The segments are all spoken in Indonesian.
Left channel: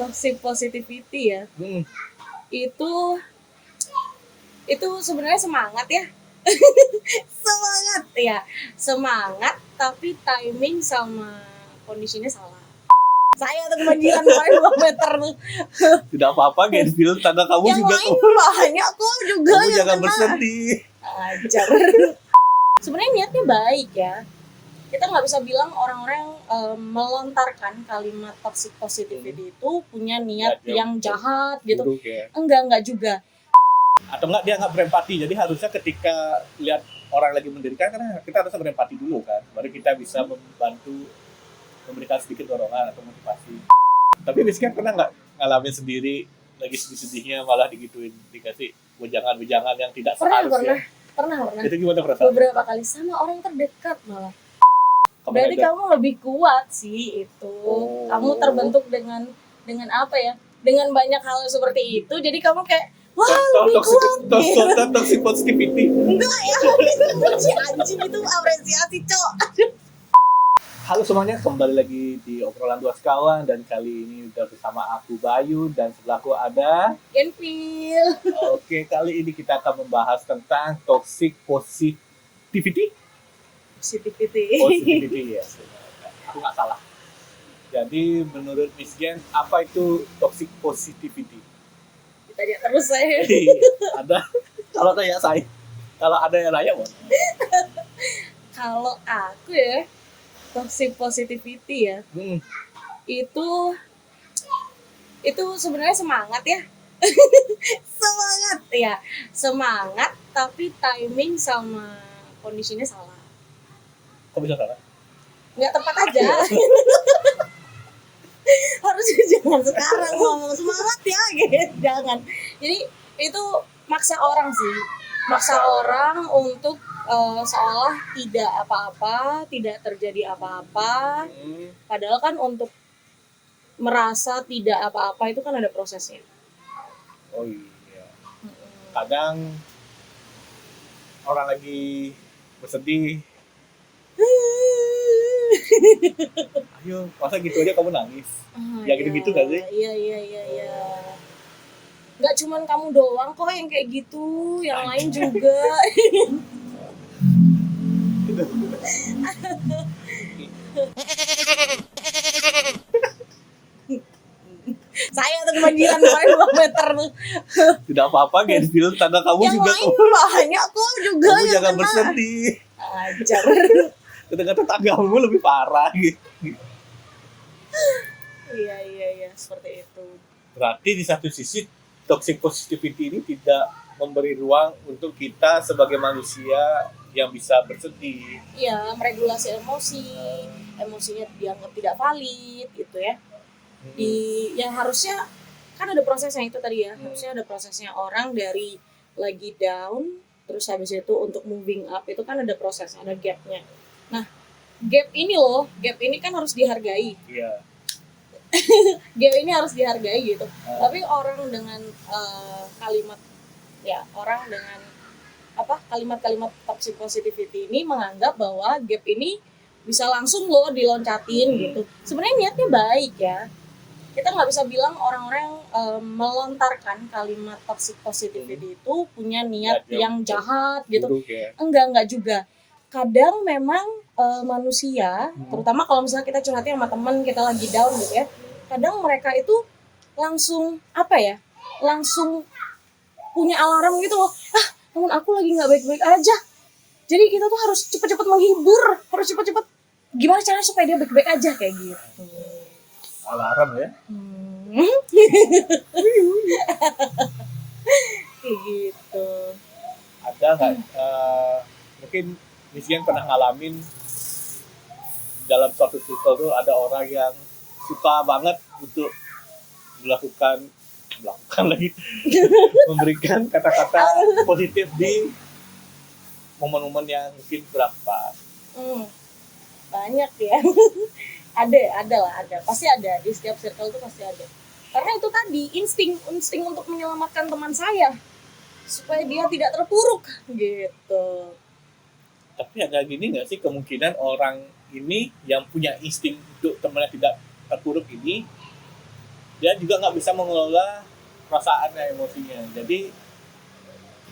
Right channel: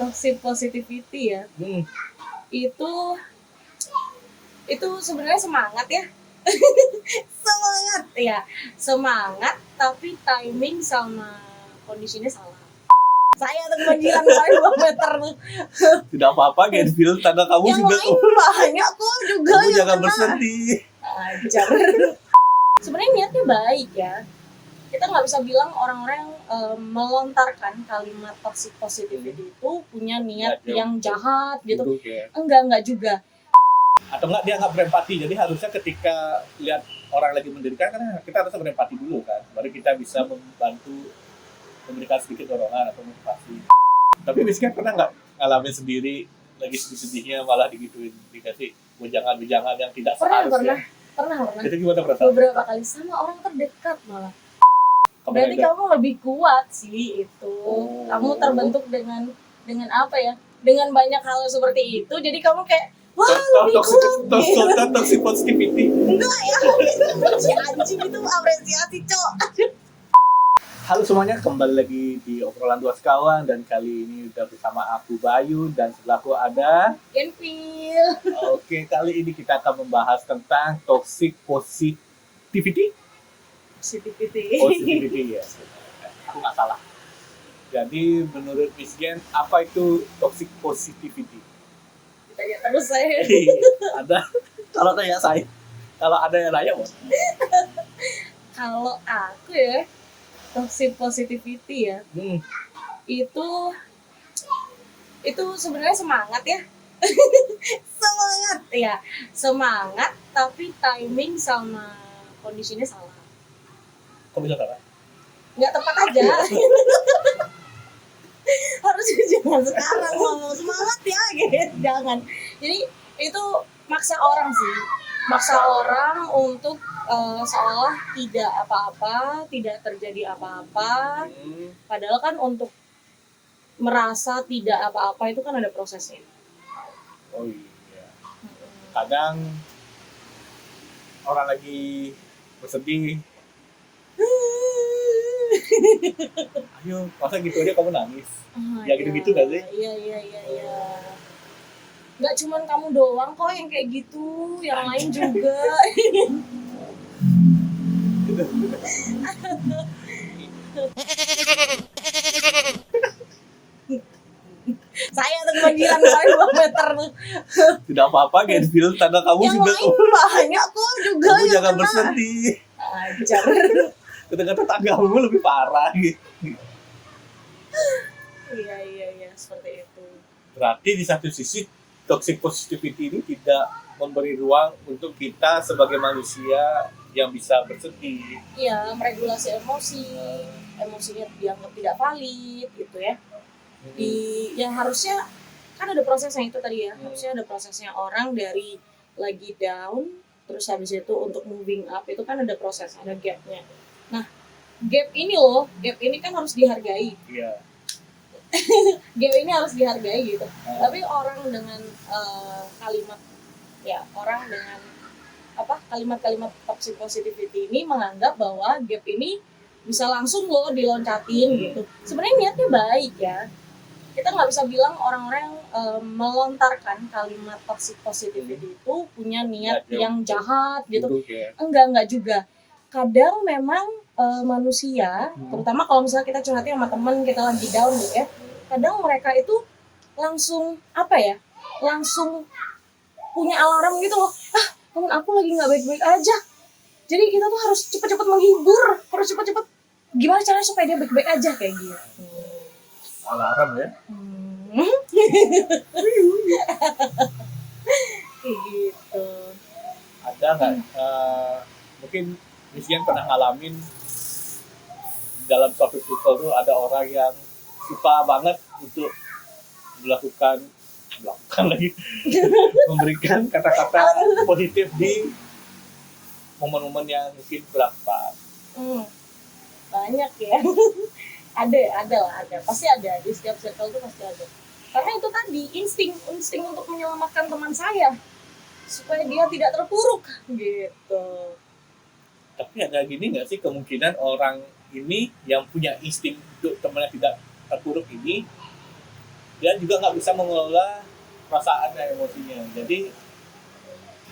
toxic positivity ya. Itu sebenarnya semangat ya. Semangat ya. Semangat tapi timing sama kondisinya salah. Saya tuh kebanjiran 5 meter tuh. Tidak apa-apa, Genfil, tangga kamu yang juga. Yang lain banyak kok juga. Kamu jangan bersedih. Ajar. Sebenarnya niatnya baik ya. Kita nggak bisa bilang orang-orang yang melontarkan kalimat toxic positivity itu punya niat yang jahat gitu. Ya. Enggak juga. Atau enggak, dia nggak berempati. Jadi harusnya ketika lihat orang lagi menderita, kan kita harus berempati dulu kan, baru kita bisa membantu, memberikan sedikit dorongan atau motivasi. Tapi misalnya pernah nggak ngalamin sendiri lagi sedih-sedihnya malah digituin, dikasih wejangan-wejangan yang tidak seharusnya? Pernah. Itu gimana perasaan? Beberapa kali sama orang terdekat malah. Berarti kamu lebih kuat sih itu. Kamu terbentuk dengan apa ya? Dengan banyak hal seperti itu. Jadi kamu kayak wah lebih kuat. Toxic positivity. Enggak ya. Si anjing itu apresiasi, Cok. Halo semuanya, kembali lagi di obrolan dua sekawan, dan kali ini udah bersama aku Bayu dan sebelahku ada Genfil. Oke, kali ini kita akan membahas tentang toxic positivity. Positivity ya. Aku nggak salah. Jadi menurut Miss Gen, apa itu toxic positivity? Ditanya terus saya. Ada. Kalau ada yang nanya boleh. Kalau aku ya, toxic positivity ya. Itu sebenarnya semangat ya. Semangat tapi timing sama kondisinya salah. Kok bisa salah? Nggak tepat aja. Harusnya jangan sekarang ngomong semangat ya gitu. Jangan. Jadi itu maksa orang untuk seolah tidak apa-apa, tidak terjadi apa-apa. Padahal kan untuk merasa tidak apa-apa itu kan ada prosesnya. Oh iya. Kadang orang lagi bersedih, ayo, masa gitu aja kamu nangis? Ya gitu-gitu gak sih? Iya. Gak cuman kamu doang kok yang kayak gitu, yang lain juga. Saya tuh kebanjiran 5 meter tuh. Tidak apa-apa, Genfil, tangga kamu yang juga. Yang lain banyak kok juga. Kamu jangan bersedih. Ajar. Ternyata tanggamu lebih parah gitu. Iya, seperti itu. Berarti di satu sisi toxic positivity ini tidak memberi ruang untuk kita sebagai manusia yang bisa bersedih. Iya, meregulasi emosinya dianggap tidak valid gitu ya. Yang harusnya kan ada prosesnya itu tadi ya. Harusnya ada prosesnya orang dari lagi down terus habis itu untuk moving up itu kan ada prosesnya, ada gapnya. Nah, gap ini kan harus dihargai. Iya. Gap ini harus dihargai gitu. Tapi orang dengan kalimat-kalimat toxic positivity ini menganggap bahwa gap ini bisa langsung diloncatin gitu. Sebenarnya niatnya baik ya. Kita nggak bisa bilang orang-orang yang melontarkan kalimat toxic positivity itu punya niat yang jahat gitu. Enggak juga. Kadang memang manusia, terutama kalau misalnya kita curhatin sama teman kita lagi down gitu ya, kadang mereka itu langsung punya alarm gitu loh. Temen aku lagi nggak baik-baik aja. Jadi kita tuh harus cepet-cepet menghibur, harus cepet-cepet gimana caranya supaya dia baik-baik aja kayak gitu. Alarm ya? Gitu. Ada nggak? Mungkin Misian pernah ngalamin dalam suatu circle tuh ada orang yang suka banget untuk melakukan lagi memberikan kata-kata positif di momen-momen yang mungkin berapa. Banyak ya. ada pasti ada di setiap circle itu pasti ada. Karena itu tadi insting untuk menyelamatkan teman saya supaya dia tidak terpuruk gitu. Tapi ada gini nggak sih, kemungkinan orang ini yang punya insting untuk temannya tidak terpuruk ini dia juga nggak bisa mengelola perasaannya, emosinya. Jadi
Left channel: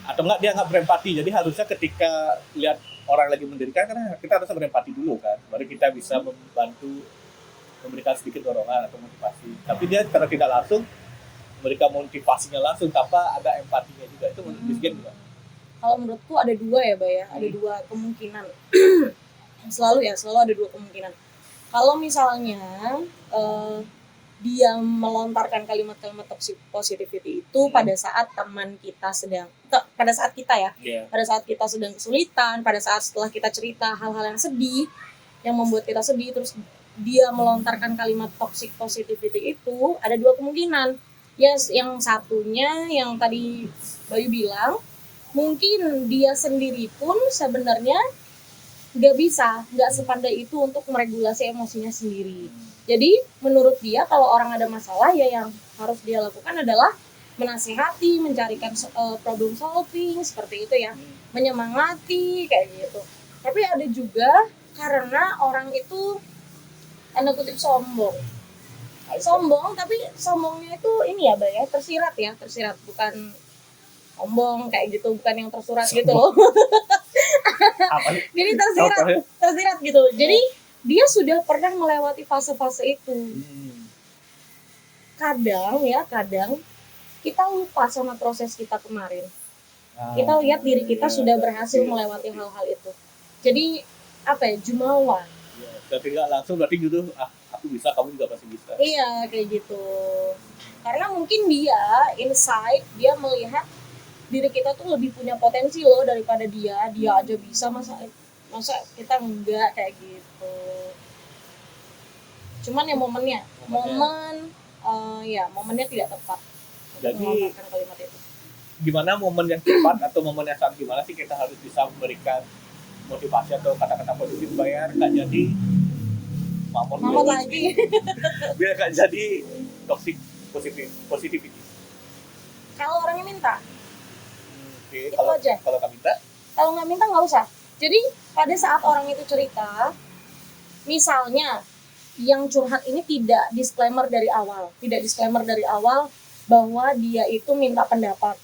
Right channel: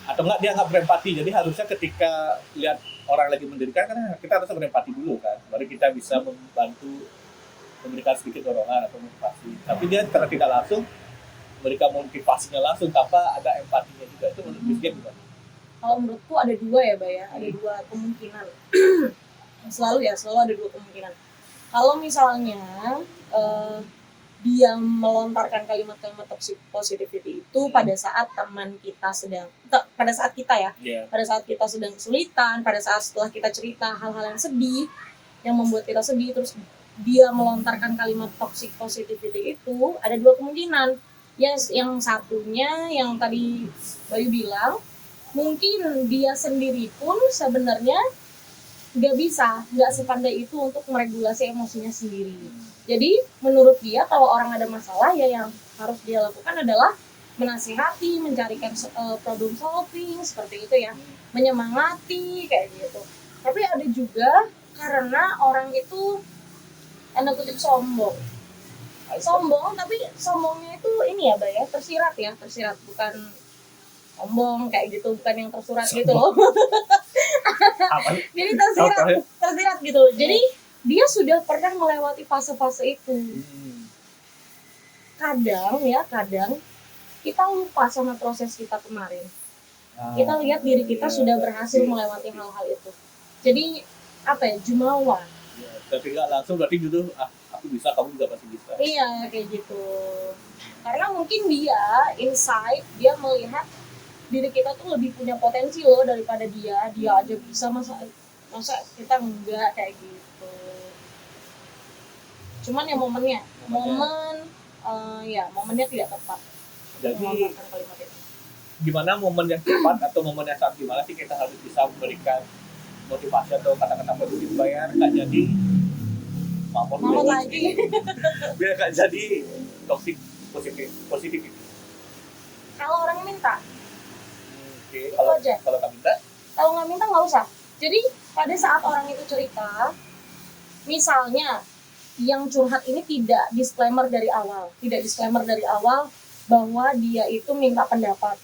atau enggak dia nggak berempati. Jadi harusnya ketika lihat orang lagi menderita kan kita harus berempati dulu kan, baru kita bisa membantu memberikan sedikit dorongan atau motivasi. Tapi dia karena tidak langsung memberikan motivasinya langsung tanpa ada empatinya juga, itu menurut Bisgen juga. Kalau menurutku ada dua ya, Bay ya. Ada dua kemungkinan. selalu ada dua kemungkinan. Kalau misalnya dia melontarkan kalimat-kalimat toxic positivity itu pada saat teman kita pada saat kita ya, pada saat kita sedang kesulitan, pada saat setelah kita cerita hal-hal yang sedih, yang membuat kita sedih, terus dia melontarkan kalimat toxic positivity itu, ada dua kemungkinan. Yang satunya yang tadi Bayu bilang, mungkin dia sendiri pun sebenarnya nggak sepandai itu untuk meregulasi emosinya sendiri. Jadi menurut dia kalau orang ada masalah ya yang harus dia lakukan adalah menasihati, mencarikan problem solving seperti itu ya, menyemangati kayak gitu. Tapi ada juga karena orang itu tanda kutip sombong, tapi sombongnya itu ini ya, Bay ya, tersirat bukan sombong kayak gitu, bukan yang tersurat gitu loh. Jadi tersirat gitu. Jadi dia sudah pernah melewati fase-fase itu. Kadang kita lupa sama proses kita kemarin. Kita lihat diri kita sudah berhasil melewati hal-hal itu. Jadi jumawa. Tapi nggak langsung berarti gitu, aku bisa, kamu juga pasti bisa. Iya, kayak gitu. Karena mungkin dia inside dia melihat diri kita tuh lebih punya potensi loh daripada dia aja bisa, masa kita enggak kayak gitu. Cuman ya momennya tidak tepat. Jadi gimana momen yang tepat atau momen yang saat gimana sih kita harus bisa memberikan motivasi atau kata-kata positif biar nggak jadi mamon lagi. Biar nggak jadi toxic positif. Kalau orangnya minta. Oke, Itu aja. Kalau nggak minta? Kalau nggak minta nggak usah. Jadi pada saat orang itu cerita, misalnya yang curhat ini tidak disclaimer dari awal bahwa dia itu minta pendapat.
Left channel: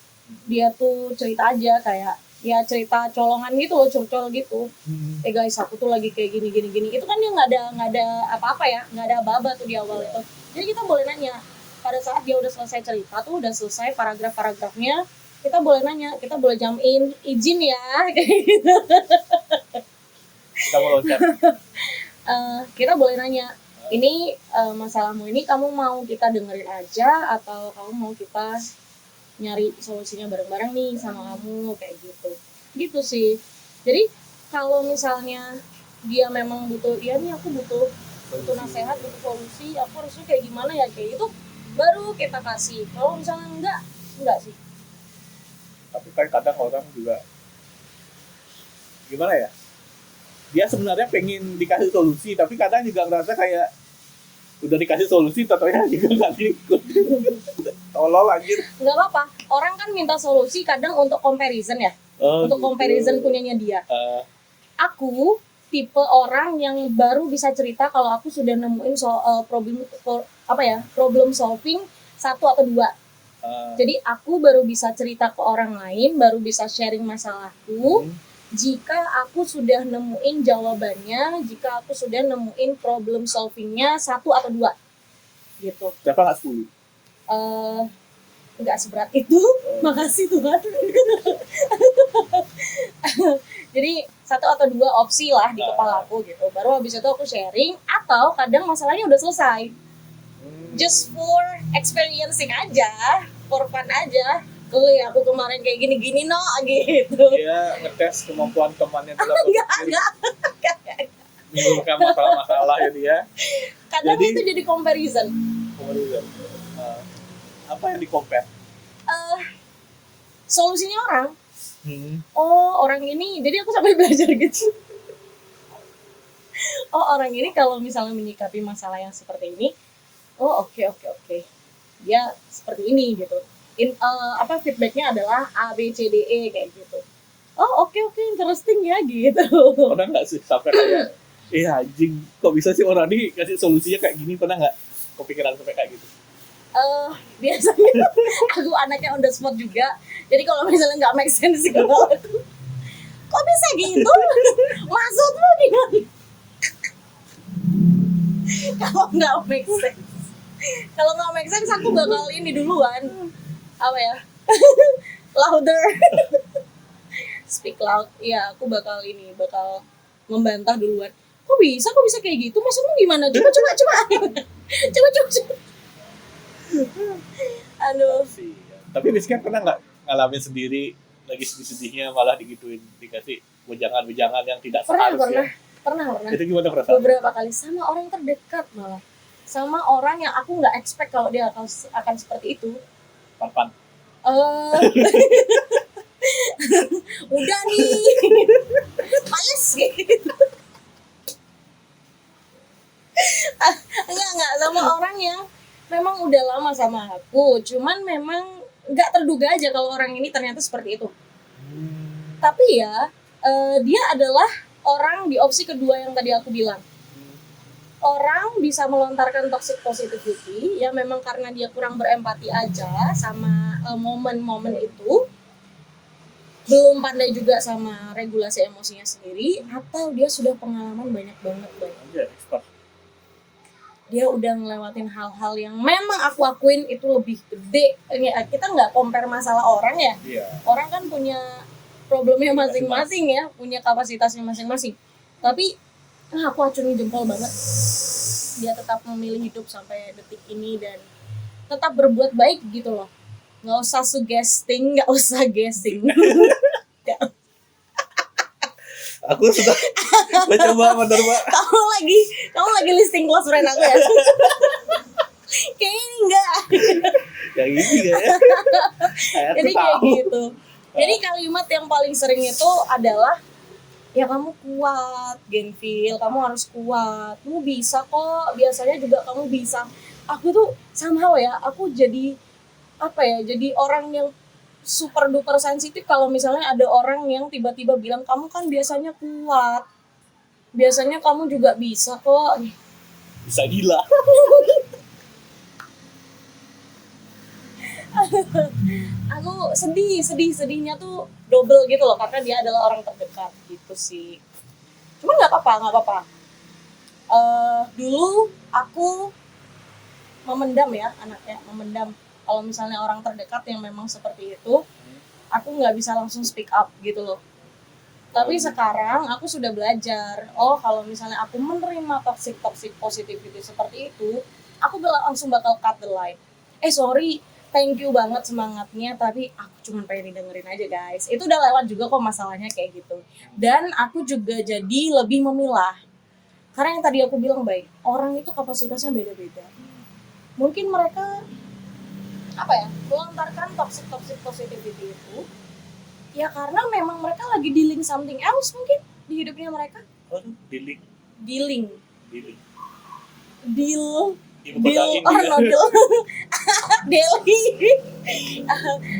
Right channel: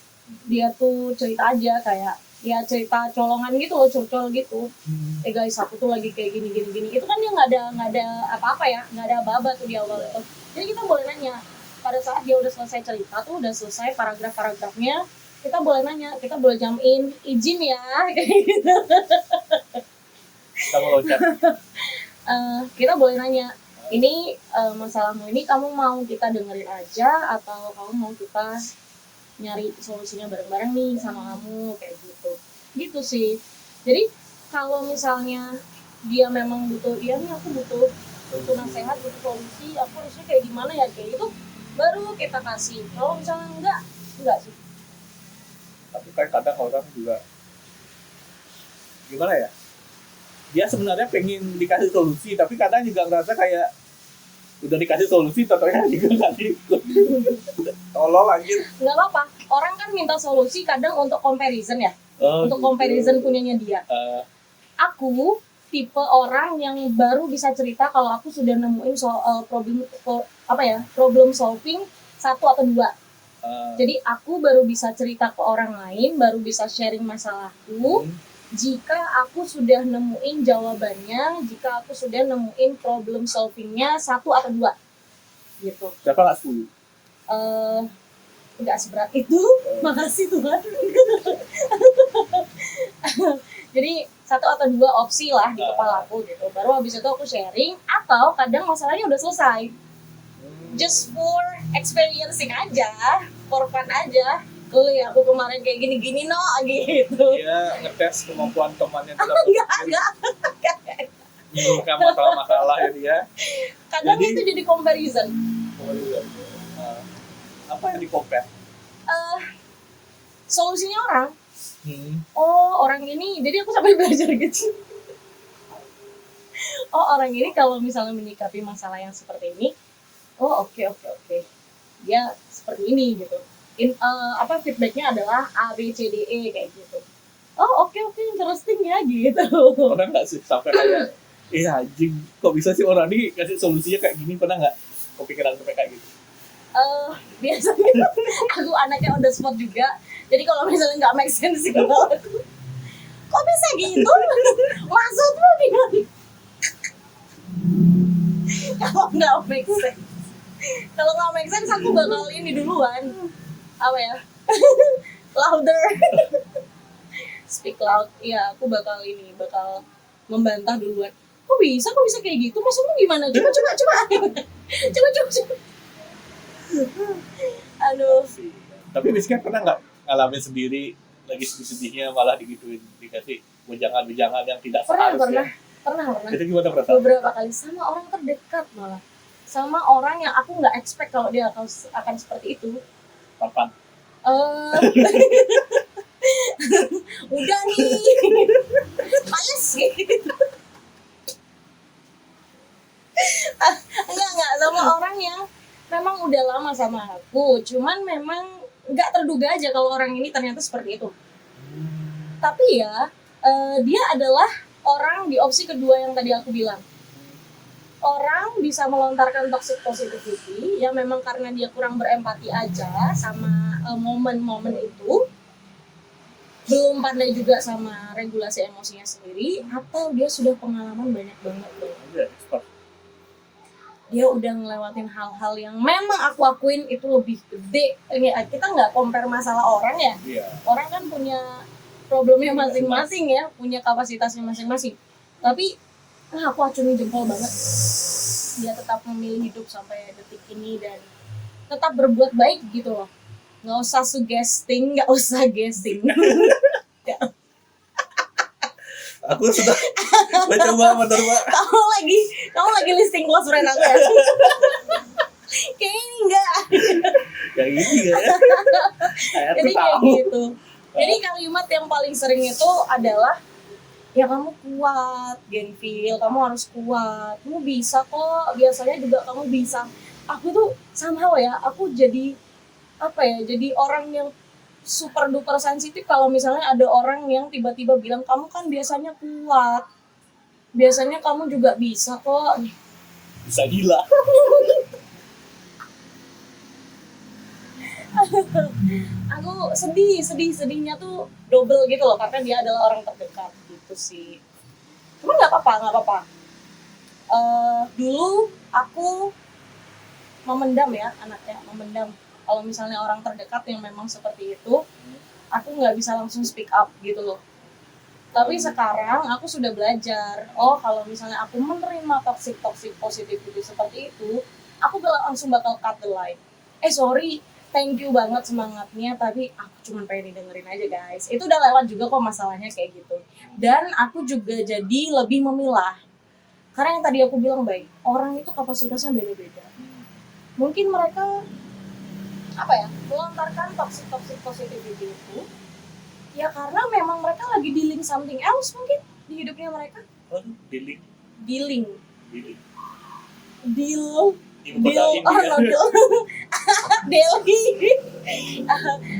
Dia tuh cerita aja kayak ya cerita colongan gitu loh, curcol gitu. Guys, aku tuh lagi kayak gini. Itu kan dia nggak ada apa-apa ya, nggak ada aba-aba tuh di awal itu. Jadi kita boleh nanya pada saat dia udah selesai cerita tuh, udah selesai paragraf-paragrafnya, kita boleh nanya, kita boleh jump in, izin ya, kayak gitu. Kita mau loncat. Kita boleh nanya, ini masalahmu ini kamu mau kita dengerin aja atau kamu mau kita nyari solusinya bareng-bareng nih sama kamu, kayak gitu sih. Jadi kalau misalnya dia memang butuh, iya nih aku butuh nasihat, butuh solusi, aku harusnya kayak gimana ya, kayak gitu baru kita kasih. Kalau misalnya enggak sih. Tapi kan kadang orang juga gimana ya, dia sebenarnya pengen dikasih solusi tapi kadang juga ngerasa kayak udah dikasih solusi totalnya juga nggak gitu. Tolol lagi. Nggak apa-apa, orang kan minta solusi kadang untuk comparison ya, untuk gitu. comparison punyanya dia. Aku tipe orang yang baru bisa cerita kalau aku sudah nemuin problem solving 1 atau 2. Jadi aku baru bisa cerita ke orang lain, baru bisa sharing masalahku jika aku sudah nemuin jawabannya, jika aku sudah nemuin problem solvingnya 1 atau 2 gitu. Siapa nggak 10? Nggak seberat itu, makasih Tuhan. Jadi 1 atau 2 opsi lah di kepala aku gitu. Baru habis itu aku sharing, atau kadang masalahnya udah selesai. Just for experiencing aja, for fun aja. Aku kemarin kayak gini-gini no gitu. Dia ngetes kemampuan temannya dalam Enggak. menyelesaikan masalah-masalah ya dia. Kadang itu jadi comparison. Apa yang di-compare? Solusinya orang. Oh, orang ini, jadi aku sampai belajar gitu. Oh, orang ini kalau misalnya menyikapi masalah yang seperti ini, oh oke. Dia seperti ini gitu. Feedbacknya adalah A, B, C, D, E kayak gitu. Oh oke, interesting ya gitu. Pernah nggak sih sampai kayak, anjing, kok bisa sih orang ini kasih solusinya kayak gini? Pernah nggak kepikiran sampai kayak gitu? Biasanya aku anaknya on the spot juga. Jadi kalau misalnya nggak make sense gitu, kok bisa gitu? Maksudmu gimana? Kalau nggak make sense, aku bakal ini duluan. Apa ya? Louder. Speak loud. Iya, aku bakal membantah duluan. Kok bisa kayak gitu? Maksudmu gimana? Coba. Coba. Aduh. Tapi Rizky pernah nggak ngalamin sendiri lagi sedih-sedihnya malah digituin, dikasih wejangan-wejangan yang tidak seharusnya? Pernah. Itu gimana perasaan? Beberapa kali sama orang terdekat malah. Sama orang yang aku nggak expect kalau dia akan seperti itu. Pan. Udah nih. Males gitu. Enggak sama orang yang memang udah lama sama aku, cuman memang nggak terduga aja kalau orang ini ternyata seperti itu. Tapi ya dia adalah orang di opsi kedua yang tadi aku bilang. Orang bisa melontarkan toxic positivity ya memang karena dia kurang berempati aja sama momen-momen itu, belum pandai juga sama regulasi emosinya sendiri, atau dia sudah pengalaman banyak banget. Dia udah ngelewatin hal-hal yang memang aku akuin itu lebih gede. Kita nggak compare masalah orang ya. Orang kan punya problemnya masing-masing ya, punya kapasitasnya masing-masing. Tapi aku acungi jempol banget. Dia tetap memilih hidup sampai detik ini dan tetap berbuat baik gitu loh. Nggak usah suggesting, nggak usah guessing. Aku sudah mencoba menerima. Kamu lagi listing close friend aku ya? Kayaknya enggak. Yang ini ya. Jadi kayak gitu. Jadi kalimat yang paling sering itu adalah ya kamu kuat, Genfil, kamu harus kuat. Kamu bisa kok, biasanya juga kamu bisa. Aku tuh somehow ya, aku jadi jadi orang yang super duper sensitif kalau misalnya ada orang yang tiba-tiba bilang kamu kan biasanya kuat, biasanya kamu juga bisa kok. Bisa gila. Aku sedihnya tuh double gitu loh karena dia adalah orang terdekat gitu sih. Cuma nggak apa-apa. Dulu aku memendam kalau misalnya orang terdekat yang memang seperti itu, aku nggak bisa langsung speak up gitu loh. Tapi sekarang aku sudah belajar, kalau misalnya aku menerima toxic positivity seperti itu, aku langsung bakal cut the line. Sorry, thank you banget semangatnya, tapi aku cuma pengen dengerin aja guys. Itu udah lewat juga kok masalahnya kayak gitu. Dan aku juga jadi lebih memilah. Karena yang tadi aku bilang baik, orang itu kapasitasnya beda-beda. Mungkin mereka melontarkan toxic positivity itu ya karena memang mereka lagi dealing something else mungkin di hidupnya mereka. Dealing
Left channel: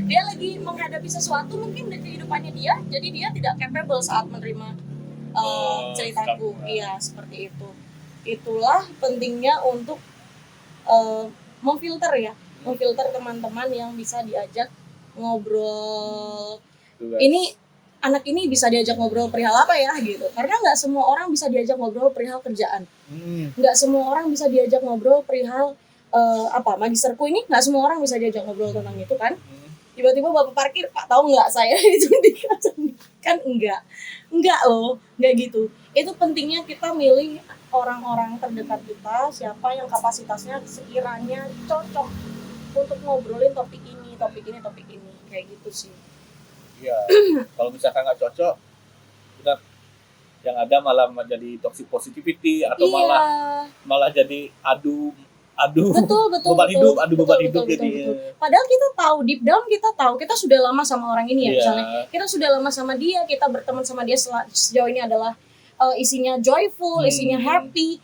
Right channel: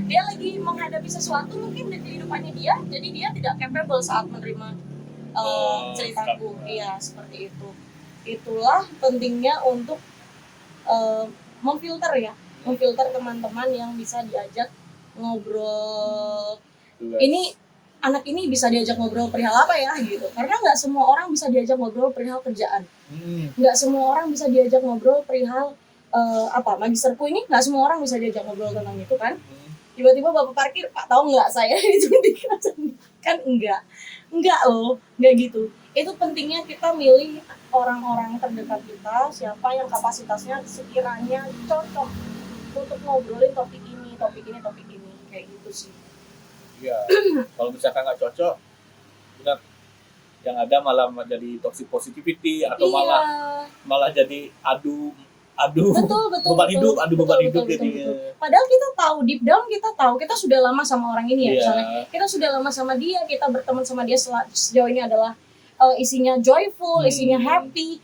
dia lagi menghadapi sesuatu mungkin di kehidupannya dia, jadi dia tidak capable saat menerima ceritaku. Iya, seperti itu. Itulah pentingnya untuk memfilter teman-teman yang bisa diajak ngobrol. Ini anak ini bisa diajak ngobrol perihal apa ya gitu, karena nggak semua orang bisa diajak ngobrol perihal kerjaan, nggak semua orang bisa diajak ngobrol perihal magisterku ini, nggak semua orang bisa diajak ngobrol tentang itu kan. Tiba-tiba bapak parkir, Pak tahu nggak saya itu kan enggak loh, nggak gitu. Itu pentingnya kita milih orang-orang terdekat kita, siapa yang kapasitasnya sekiranya cocok untuk ngobrolin topik ini kayak gitu sih. Ya, kalau misalkan nggak cocok, yang ada malah menjadi toxic positivity atau malah jadi adu beban hidup jadi. Padahal kita tahu deep down kita sudah lama sama orang ini ya, misalnya kita sudah lama sama dia, kita berteman sama dia sejauh ini adalah isinya joyful, isinya happy.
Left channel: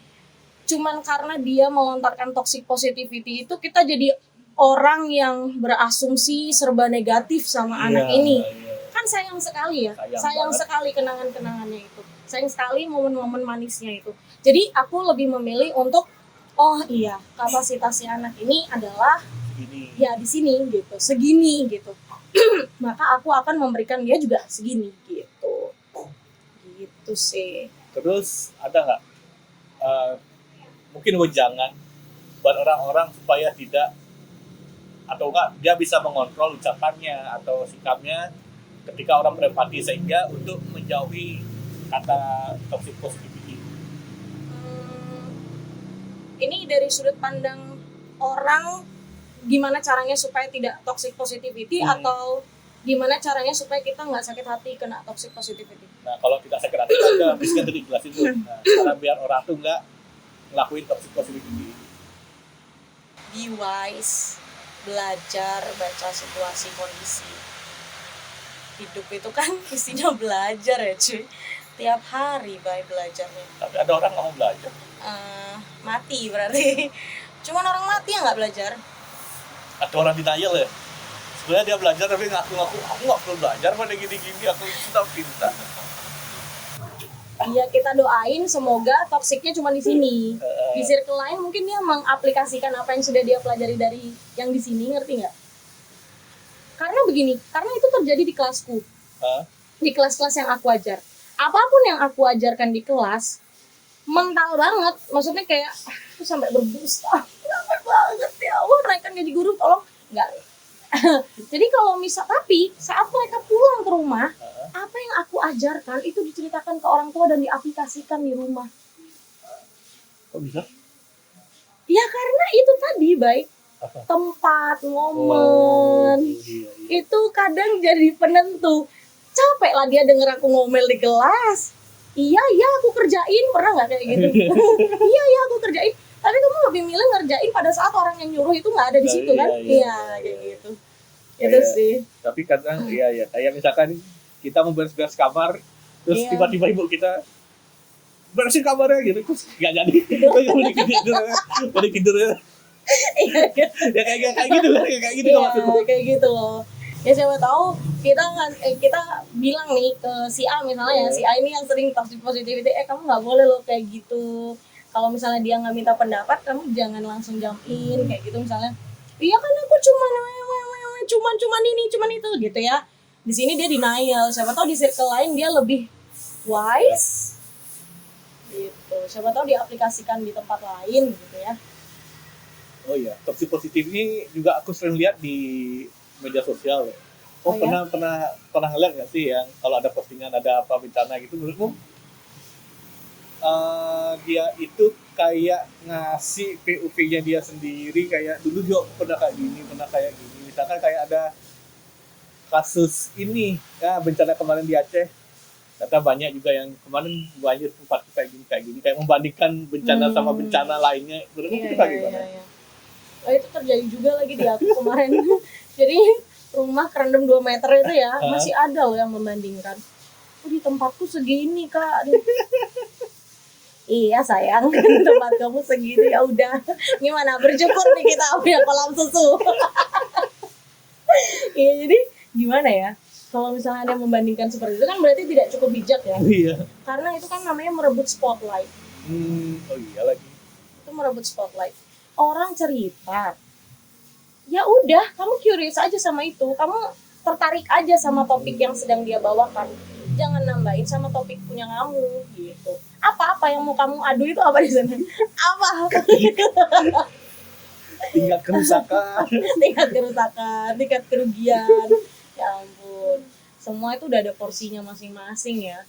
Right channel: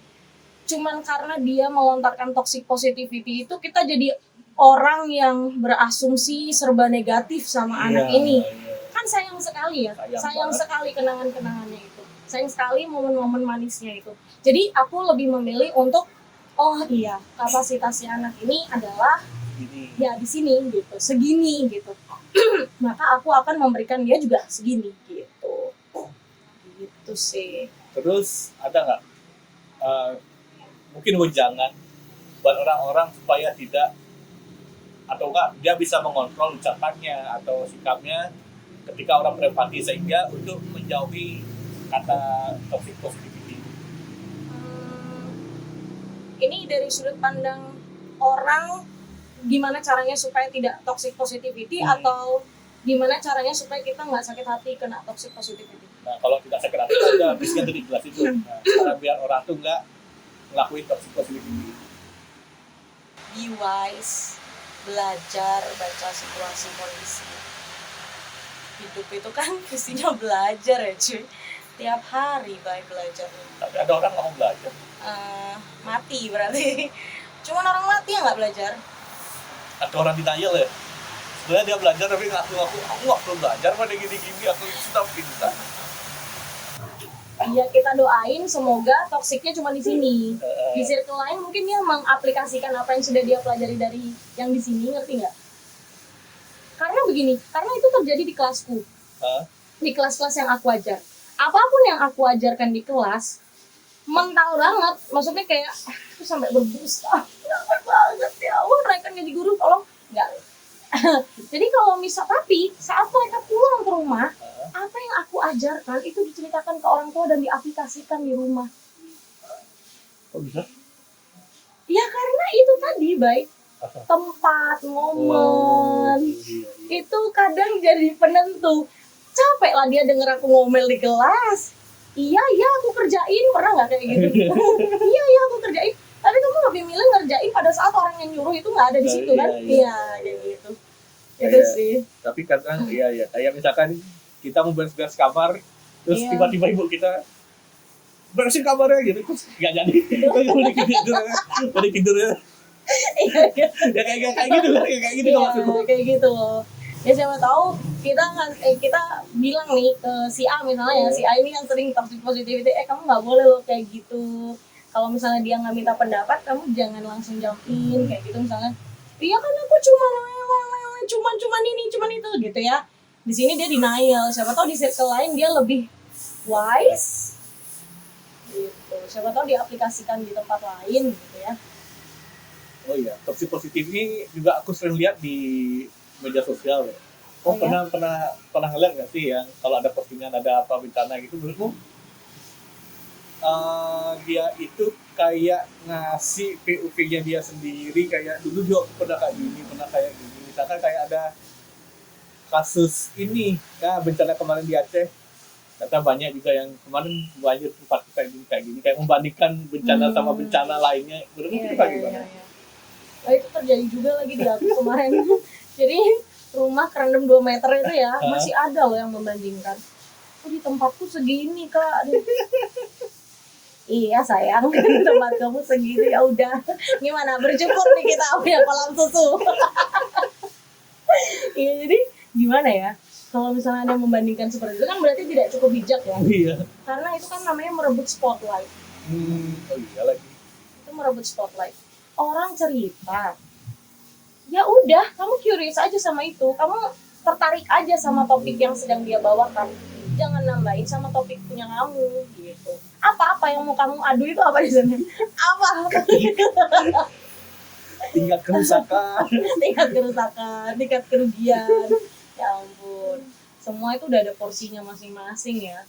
Cuman karena dia melontarkan toxic positivity itu, kita jadi orang yang berasumsi serba negatif sama anak ini. Kan sayang sekali ya, sayang sekali kenangan-kenangannya itu, sayang sekali momen-momen manisnya itu. Jadi aku lebih memilih untuk oh iya, kapasitasnya anak ini adalah Ini. ya di sini gitu, segini gitu. Maka aku akan memberikan dia juga segini gitu. Gitu sih. Terus ada nggak mungkin wejangan buat orang-orang supaya tidak atau enggak dia bisa mengontrol ucapannya atau sikapnya ketika orang berempati sehingga untuk menjauhi kata toxic positivity. Ini dari sudut pandang orang, gimana caranya supaya tidak toxic positivity atau gimana caranya supaya kita nggak sakit hati kena toxic positivity. Nah kalau tidak sakit hati kan udah bisa tadi jelasin tuh. Nah, cara biar orang tuh nggak ngelakuin toxic positivity. Be wise, belajar baca situasi kondisi. Hidup itu kan isinya belajar ya cuy, tiap hari baik belajarnya. Tapi ada orang nggak mau belajar. Mati berarti. Cuman orang mati yang nggak belajar. Atau orang denial ya. Sebenarnya dia belajar tapi ngaku aku nggak perlu belajar pada gini-gini aku sudah pintar. Ya kita doain semoga toksiknya cuma di sini. Di circle lain mungkin dia mengaplikasikan apa yang sudah dia pelajari dari yang di sini, ngerti nggak? Karena begini, karena itu terjadi di kelasku, di kelas-kelas yang aku ajar. Apapun yang aku ajarkan di kelas, mental banget. Maksudnya kayak, aku sampai berbusa. Capek banget ya Allah, naikkan jadi guru, tolong. Enggak. Jadi kalau tapi saat mereka pulang ke rumah, apa yang aku ajarkan itu diceritakan ke orang tua dan diaplikasikan di rumah. Kok bisa? Ya karena itu tadi baik tempat, momen, itu kadang jadi penentu. Capek lah dia denger aku ngomel di kelas. Iya aku kerjain, pernah nggak kayak gitu? Iya aku kerjain. Tapi kamu lebih milih ngerjain pada saat orang yang nyuruh itu nggak ada di situ kan? Iya kayak gitu. Itu sih. Tapi kadang iya kayak misalkan kita mau beres-beres kamar, terus tiba-tiba ibu kita beresin kamarnya gitu, terus nggak jadi, udah tidur ya. Iya. Ya kayak gitu loh, kayak gitu loh maksudku. Kayak gitu loh. Ya siapa tahu kita bilang nih ke si A misalnya, si A ini yang sering toxic positivity, kamu nggak boleh loh kayak gitu. Kalau misalnya dia nggak minta pendapat, kamu jangan langsung jump in kayak gitu misalnya. Iya kan aku cuman ini, cuman itu gitu ya. Di sini dia denial. Siapa tahu di circle lain dia lebih wise gitu. Siapa tahu diaplikasikan di tempat lain gitu ya. Oh iya, toxic positif ini juga aku sering lihat di media sosial ya. Pernah ngeliat nggak sih yang kalau ada postingan ada apa bencana gitu, menurutmu dia itu kayak ngasih POV-nya dia sendiri, kayak dulu dia pernah kayak gini, misalkan kayak ada kasus ini ya bencana kemarin di Aceh, ternyata banyak juga yang kemarin banyak tempat kayak gini kayak membandingkan bencana sama bencana lainnya, menurutmu itu bagaimana? Oh, itu terjadi juga lagi di aku kemarin. Jadi rumah kerendam 2 meter itu ya masih ada loh yang membandingkan. Di tempatku segini kak. Iya sayang, tempat kamu segini ya udah. Gimana bersyukur nih kita punya kolam susu. Iya jadi gimana ya? Kalau misalnya ada yang membandingkan seperti itu kan berarti tidak cukup bijak ya. Iya. Karena itu kan namanya merebut spotlight. Oh iya lagi. Itu merebut spotlight. Orang cerita, ya udah kamu curious aja sama itu, kamu tertarik aja sama topik yang sedang dia bawakan, jangan nambahin sama topik punya kamu gitu. Apa yang mau kamu adu itu apa di sana? Apa? Tingkat kerusakan, tingkat kerugian. Ya ampun, semua itu udah ada porsinya masing-masing ya.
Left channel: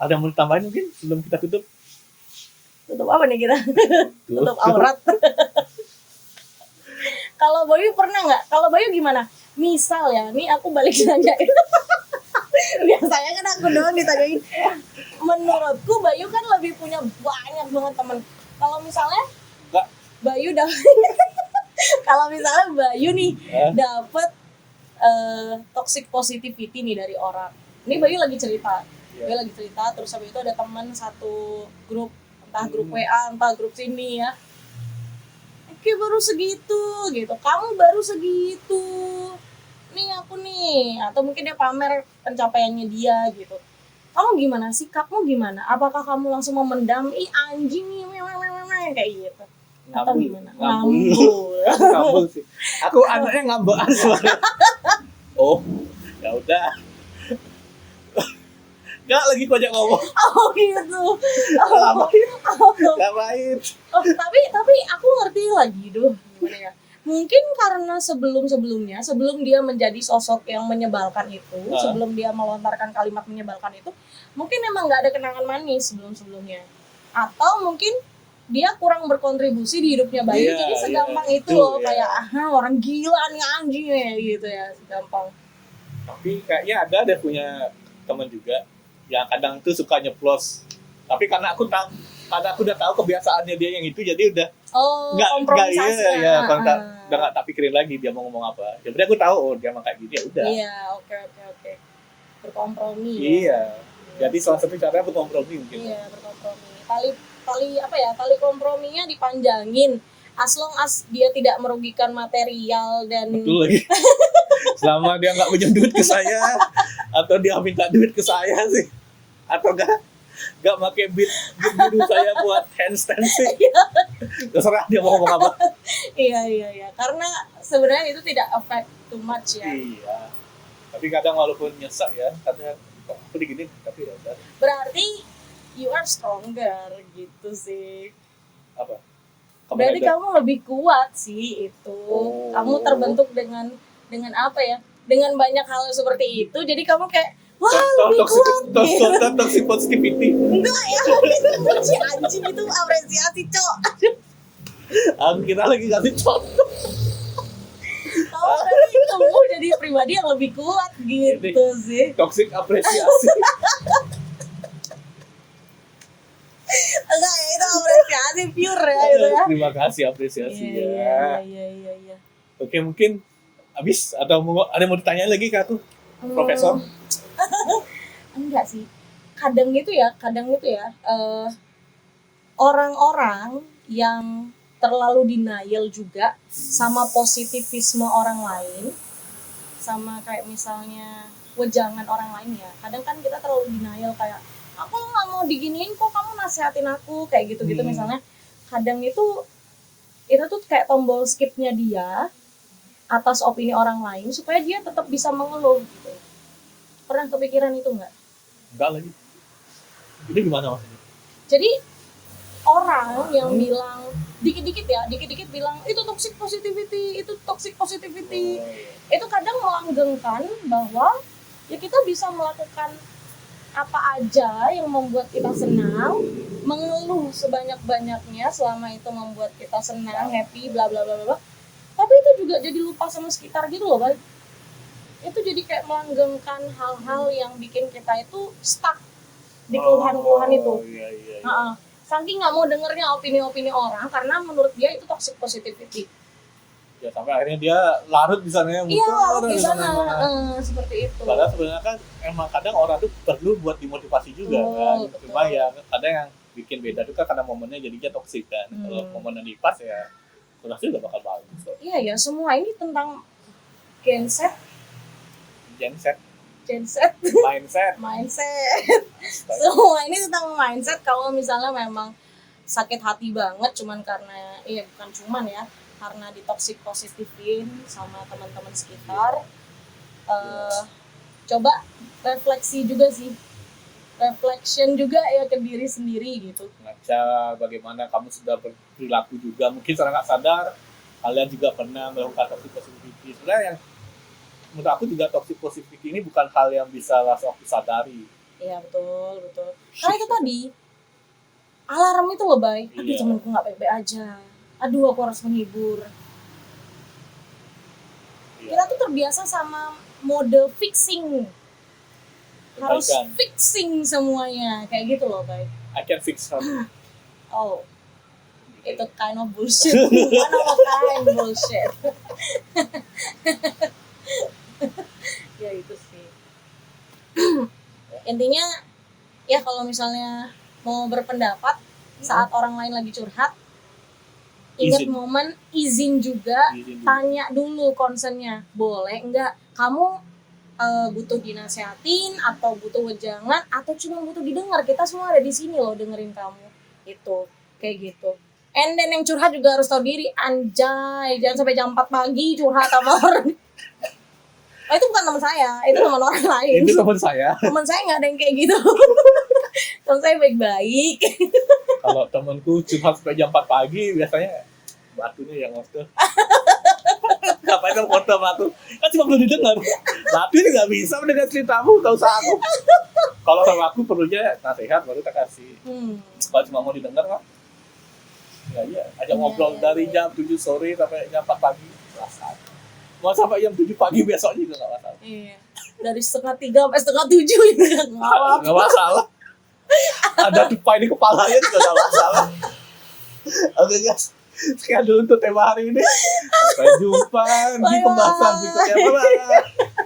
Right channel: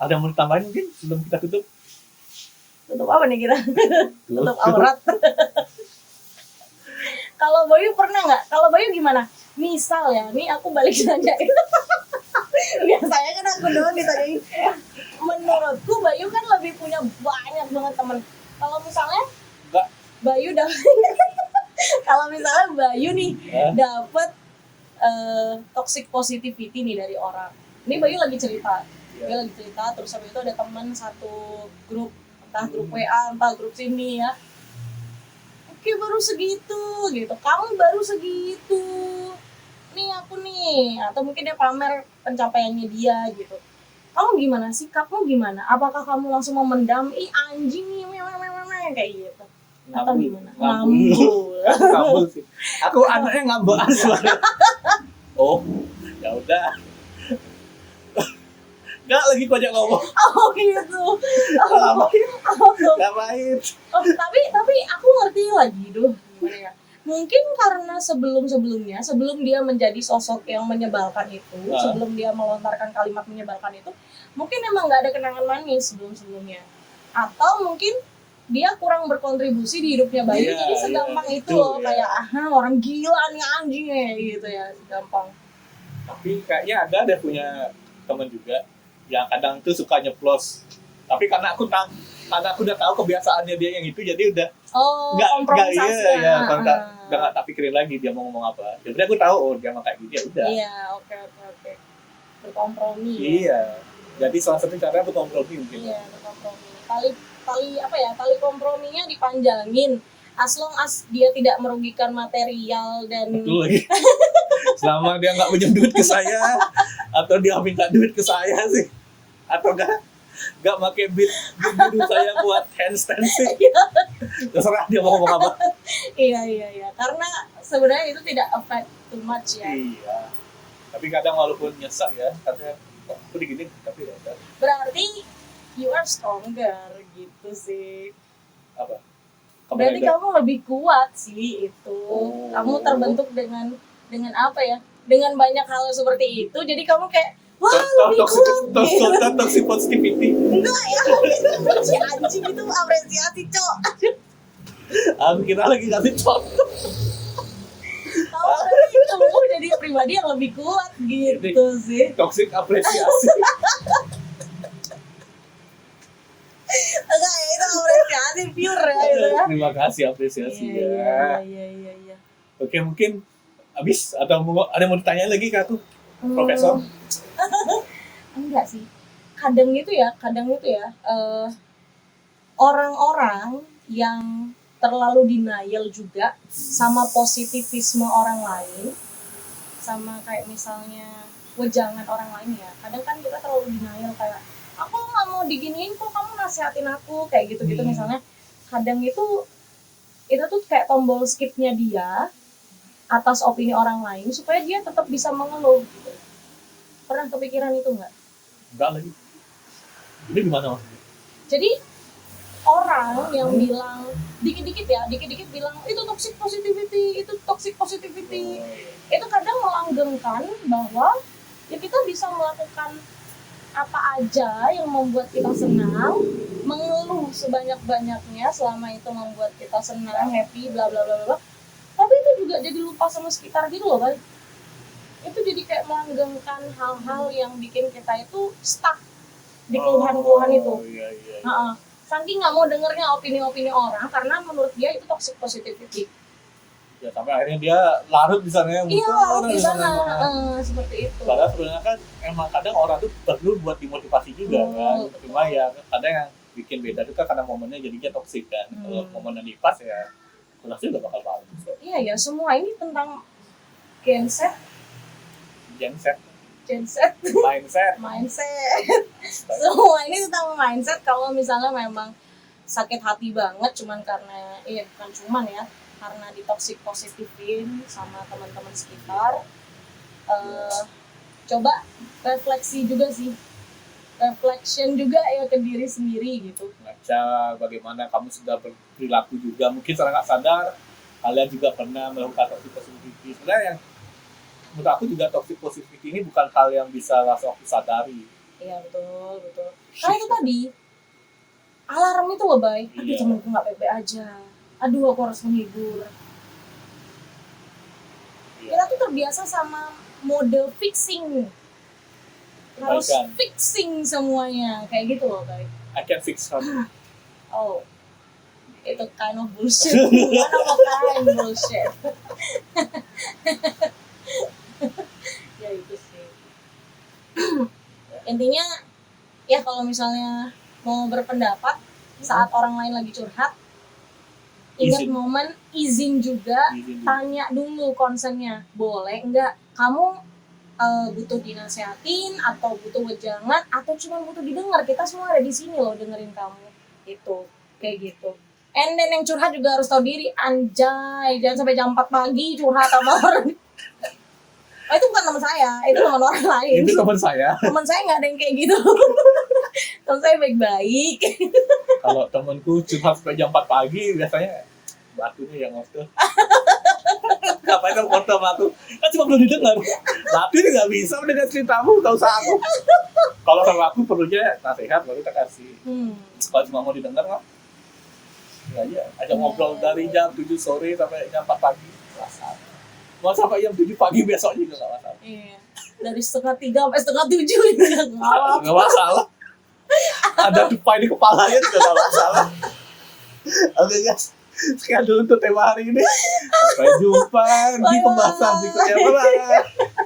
Ada yang mau tambahin mungkin sebelum kita tutup? Tutup apa nih kita? Tutup aurat. Kalau Bayu pernah nggak? Kalau Bayu gimana? Misal ya, nih aku balik nanyain. Biasanya kan aku doang ditanyain. Menurutku Bayu kan lebih punya banyak banget teman. Kalau misalnya Bayu kalau misalnya Bayu nih dapet toxic positivity nih dari orang. Ini Bayu lagi cerita. Terus habis itu ada teman satu grup, entah grup WA, entah grup sini ya. Kayak baru segitu gitu, kamu baru segitu. Nih aku nih, atau mungkin dia pamer pencapaiannya dia gitu. Kamu gimana? Sikapmu gimana? Apakah kamu langsung memendam, ih anjing nih, yang kayak gitu atau Ngambul. gimana? Ngambul. Ngambul sih. Aku anaknya ngambaan sebenarnya. Oh, ya udah. Nggak lagi banyak ngomong. Oh gitu. Ngapain? Oh, tapi aku ngerti lagi gimana ya? Mungkin karena sebelum dia menjadi sosok yang menyebalkan itu, sebelum dia melontarkan kalimat menyebalkan itu, mungkin emang nggak ada kenangan manis sebelumnya. Atau mungkin dia kurang berkontribusi di hidupnya Bayu, jadi segampang itu loh, kayak orang gila nih anjing ya gitu ya, segampang. Tapi kayaknya ada deh punya teman juga yang kadang tuh suka nyeplos. Tapi karena aku udah tahu kebiasaannya dia yang itu, jadi udah kompromisasi. Udah nggak tak pikirin lagi dia mau ngomong apa. Jadi aku tahu dia mau kayak gini ya udah. Iya, oke. Berkompromi. Iya. Jadi salah satu cara berkompromi mungkin. Iya, berkompromi. Tali komprominya dipanjangin. As long as dia tidak merugikan material dan betul lagi. Selama dia nggak pinjam duit ke saya atau dia minta duit ke saya sih, atau nggak pakai bid saya buat handstand sih, terserah dia mau ngomong apa. Iya, karena sebenarnya itu tidak affect too much ya. Iya, tapi kadang walaupun nyesek ya, karena aku digini tapi ya. Berarti you are stronger gitu sih. Apa? Berarti kamu lebih kuat sih itu. Kamu terbentuk dengan apa ya? Dengan banyak hal seperti itu. Jadi kamu kayak wah lebih kuat. Toxic positivity. Enggak ya, si anjing itu apresiasi cok. Aku kira lagi ngasih contoh. Kamu jadi pribadi yang lebih kuat gitu sih. Toxic apresiasi. Enggak ya, itu apresiasi pure ya gitu ya. Terima kasih apresiasi ya. Iya. Oke, mungkin habis atau ada yang mau ditanya lagi ke aku, Profesor? Enggak sih. Kadang itu ya, orang-orang yang terlalu denial juga sama positivisme orang lain, sama kayak misalnya wejangan orang lain ya. Kadang kan kita terlalu denial kayak aku nggak mau diginiin kok, kamu nasihatin aku kayak gitu misalnya. Kadang itu tuh kayak tombol skipnya dia atas opini orang lain supaya dia tetap bisa mengeluh gitu. Pernah kepikiran itu nggak? Enggak lagi. Itu gimana maksudnya? Jadi orang yang bilang dikit-dikit bilang itu toxic positivity, itu kadang melanggengkan bahwa ya kita bisa melakukan apa aja yang membuat kita senang, mengeluh sebanyak-banyaknya selama itu membuat kita senang, happy, bla bla bla bla. Tapi itu juga jadi lupa sama sekitar gitu loh, Bang. Itu jadi kayak melanggengkan hal-hal yang bikin kita itu stuck di keluhan-keluhan itu. Iya. Saking nggak mau dengernya opini-opini orang karena menurut dia itu toxic positivity. Ya sampai akhirnya dia larut di sana. Iya, larut di sana. Seperti itu. Padahal sebenarnya kan emang kadang orang tuh perlu buat dimotivasi juga kan. Cuma ya kadang yang bikin beda itu kan karena momennya jadinya toksik kan. Kalau momennya dipas ya jelas juga bakal bagus. Iya ya, semua ini tentang mindset. Semua ini tentang mindset. Kalau misalnya memang sakit hati banget bukan cuman ya, karena di toxic positifin sama teman-teman sekitar, coba reflection juga ya ke diri sendiri gitu. Ngaca bagaimana kamu sudah berperilaku juga, mungkin secara nggak sadar kalian juga pernah melakukan toxic positivity. Sebenarnya yang menurut aku juga toxic positivity ini bukan hal yang bisa langsung disadari. Iya betul. Karena itu tadi alarm itu loh, Bay. Aduh, temanku nggak baik-baik aja. Aduh, aku harus menghibur. Kita tuh terbiasa sama mode fixing. Harus fixing semuanya. Kayak gitu loh, Bay. I can fix something. Oh, itu kind of bullshit. One of a kind bullshit. Ya itu sih. Intinya, ya kalau misalnya mau berpendapat saat orang lain lagi curhat, ingat momen izin juga, tanya dulu concernnya, boleh enggak kamu butuh dinasehatin atau butuh wejangan atau cuma butuh didengar. Kita semua ada di sini loh dengerin kamu, itu kayak gitu. And then yang curhat juga harus tahu diri, anjay, jangan sampai jam 4 pagi curhat sama orang. Oh, itu bukan teman saya, itu teman orang lain. Itu teman saya. Teman saya nggak ada yang kayak gitu. Teman saya baik-baik. Kalau temanku curhat sampai jam 4 pagi biasanya batunya yang ngomong. Ngapain kan foto batu? Kan cuma belum didengar. Batu ini nggak bisa mendengar ceritamu, nggak usah aku. Kalau sama aku perlunya nasihat baru kita kasih. Kalau cuma mau didengar kok. Ya aja, ajak ngobrol dari jam 7 sore sampai jam 4 pagi. Masalah. Mau sampai jam 7 pagi besok juga nggak masalah. Iya. Dari 2:30 sampai 6:30 juga Nggak masalah. Ada tupai di kepalanya juga nggak masalah. Oke guys, sekian dulu untuk tema hari ini. Sampai jumpa di pembahasan berikutnya. Bye.